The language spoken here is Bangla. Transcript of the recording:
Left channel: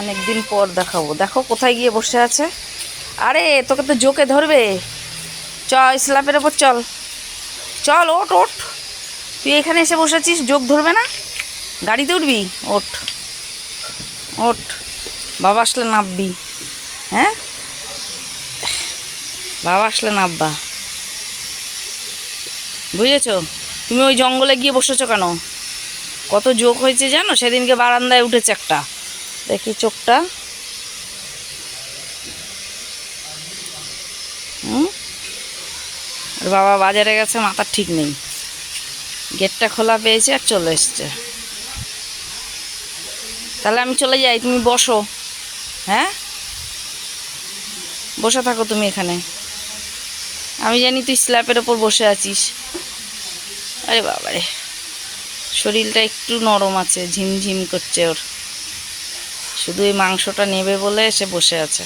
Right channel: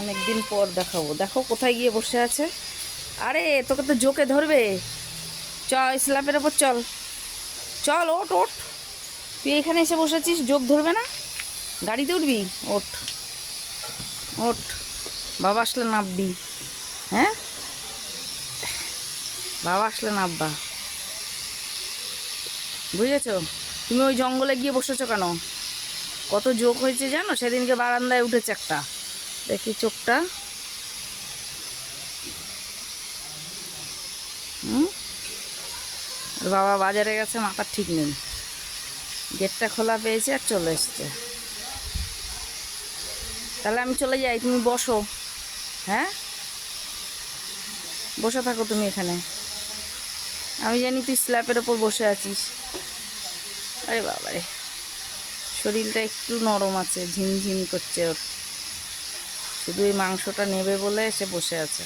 অনেকদিন পর দেখাবো। দেখো কোথায় গিয়ে বসে আছে। আরে তোকে তো জোকে ধরবে। চল স্ল্যাপের ওপর চল, চল ওঠ ওঠ। তুই এখানে এসে বসেছিস, জোক ধরবে না? গাড়িতে উঠবি? ওঠ ওঠ, বাবা আসলে নামবি। হ্যাঁ, বাবা আসলে নামবা, বুঝেছো? তুমি ওই জঙ্গলে গিয়ে বসেছো কেন? কত জোক হয়েছে জানো? সেদিনকে বারান্দায় উঠেছে একটা, দেখি চোখটা। হুম, আর বাবা বাজারে গেছে, মাথার ঠিক নেই। গেটটা খোলা পেয়েছে আর চলে এসছে। তাহলে আমি চলে যাই, তুমি বসো। হ্যাঁ, বসে থাকো তুমি এখানে। আমি জানি তুই স্ল্যাপের ওপর বসে আছিস। আরে বাবারে, শরীরটা একটু নরম আছে, ঝিমঝিম করছে ওর। শুধু এই মাংসটা নেবে বলে এসে বসে আছে।